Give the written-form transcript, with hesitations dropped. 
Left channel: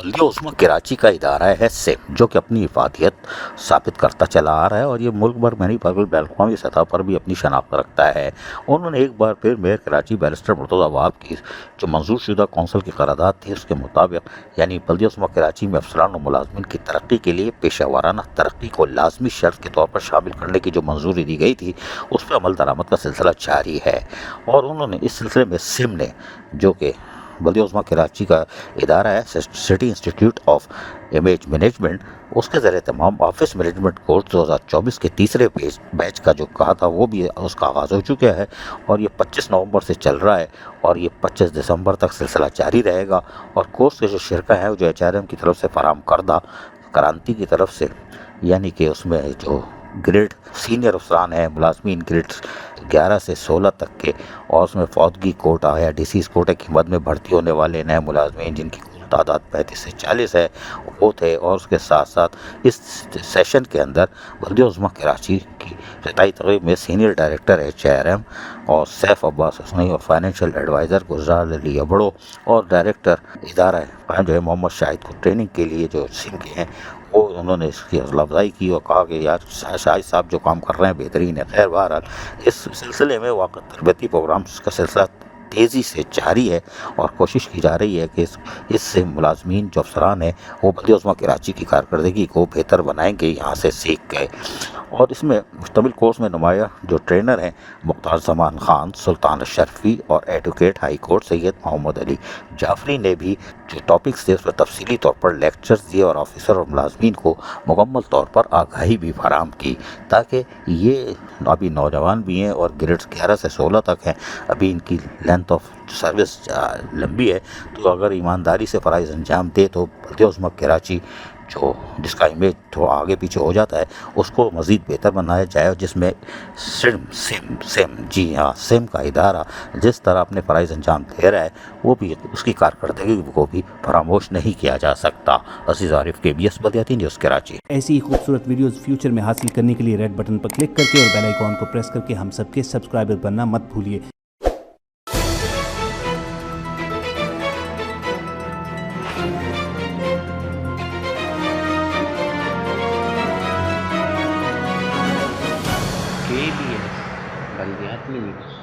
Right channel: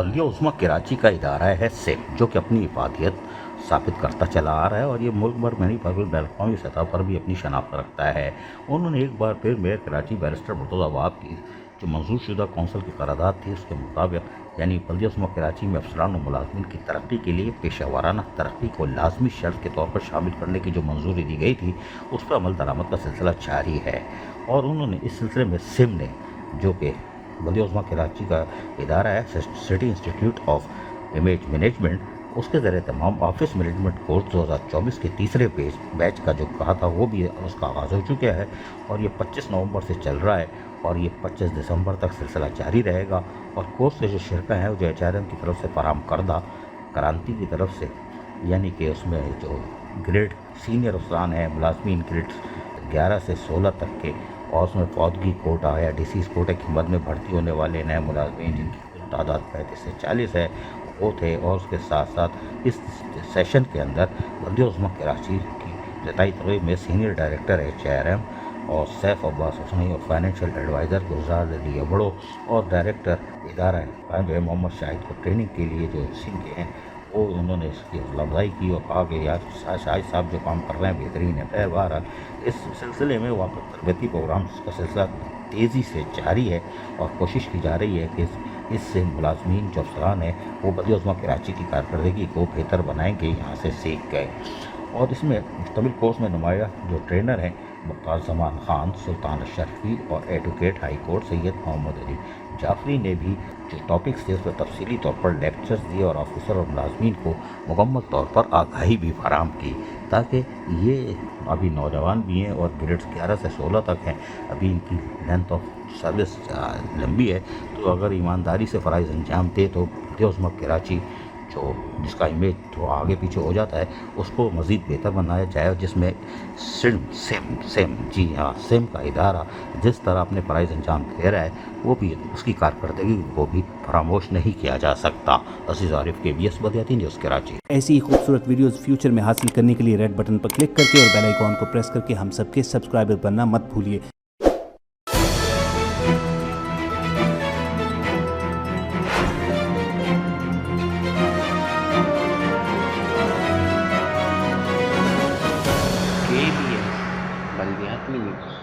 بلدیہ عظمیٰ کراچی کا ادارہ ہے سیم، جو کہ اپنی افادیت ثابت کرتا چلا آ رہا ہے اور یہ ملک بھر میں نہیں بلکہ بین الاقوامی سطح پر بھی اپنی شناخت رکھتا ہے۔ انہوں نے ایک بار پھر میئر کراچی بیرسٹر مرتضیٰ وہاب کی جو منظور شدہ کونسل کی قرارداد تھی اس کے مطابق، یعنی بلدیہ عظمیٰ کراچی میں افسران و ملازمین کی ترقی کے لیے پیشہ ورانہ ترقی کو لازمی شرط کے طور پر شامل کرنے کی جو منظوری دی گئی تھی، اس پہ عمل درآمد کا سلسلہ جاری ہے۔ اور انہوں نے اس سلسلے میں سم نے، جو کہ بلدیہ عظمیٰ کراچی کا ادارہ ہے city institute of image management, اس کے زیر اہتمام آفس مینجمنٹ کورس 2024 کے تیسرے بیچ کا جو کہا تھا وہ بھی اس کا آغاز ہو چکا ہے اور یہ 25 نومبر سے چل رہا ہے اور یہ 25 دسمبر تک سلسلہ جاری رہے گا۔ اور کورس کے جو شرکا ہیں جو HRM کی طرف سے فراہم کردہ کرانتی کی طرف سے، یعنی کہ اس میں جو گریڈ سینئر افسران ہیں، ملازمین گریڈ 11 سے 16 تک کے، اور اس میں فوتگی کوٹا یا ڈیسیز کوٹے کی مد میں بھرتی ہونے والے نئے ملازمین جن کی کل تعداد 35 سے 40 ہے وہ تھے۔ اور اس کے ساتھ ساتھ اس سیشن کے اندر بلدیہ عظمیٰ کراچی کی افتتاحی تقریب میں سینئر ڈائریکٹر HRM اور سیف عباس حسنی اور فائنینشیل ایڈوائزر گلزار علی ابڑو اور ڈائریکٹر ادارہ جو ہے محمد شاہد کو ٹریننگ کے لیے جو سم کے ہیں وہ انہوں نے اس کی حوصلہ افزائی کی اور کہا کہ یار شاہد صاحب جو کام کر رہے ہیں بہترین ہے۔ خیر بہرحال اس سلسلے میں واقع تربیتی پروگرامز کا سلسلہ تیزی سے جاری ہے اور کوشش کی جا رہی ہے کہ اس سے ملازمین جو افسران ہیں وہ بلدیہ عظمیٰ کراچی کی کارکردگی کو بہتر بنائیں گے یہاں سے سیکھ گئے۔ اور اس میں مشتمل کورس میں نمایاں جو ٹرینر ہیں مختار زمان خان، سلطان اشرفی اور ایڈوکیٹ ہائی کورٹ سید محمد علی جعفری نے بھی جو ٹاپکس تھے اس پر تفصیلی طور پر لیکچرز دیے اور آفیسر اور ملازمین کو مکمل طور پر آگاہی بھی فراہم کی، تاکہ یہ ابھی نوجوان بھی ہیں اور گریڈز 11 سے 16 تک ہیں، ابھی ان کی لینتھ آف سروس لمبی ہے، تو اگر ایمانداری سے فرائض انجام دے تو بلدیہ عظمیٰ کراچی جو جس کا امیج تھوڑا آگے پیچھے ہو جاتا ہے اس کو مزید بہتر بنایا جائے، اور جس میں سیم کا ادارہ جس طرح اپنے فرائض انجام دے رہا ہے وہ بھی اس کی کارکردگی کو بھی فراموش نہیں کیا جا سکتا۔ عزیز عارف، KBS بلدیاتی نیوز کراچی۔ ایسی ہی خوبصورت ویڈیوز فیوچر میں حاصل کرنے کے لیے ریڈ بٹن پر کلک کر کے اور بیل آئیکن کو پریس کر کے ہم سب کے سبسکرائبر بننا مت بھولیے۔ KBS بلدیاتی نیوز۔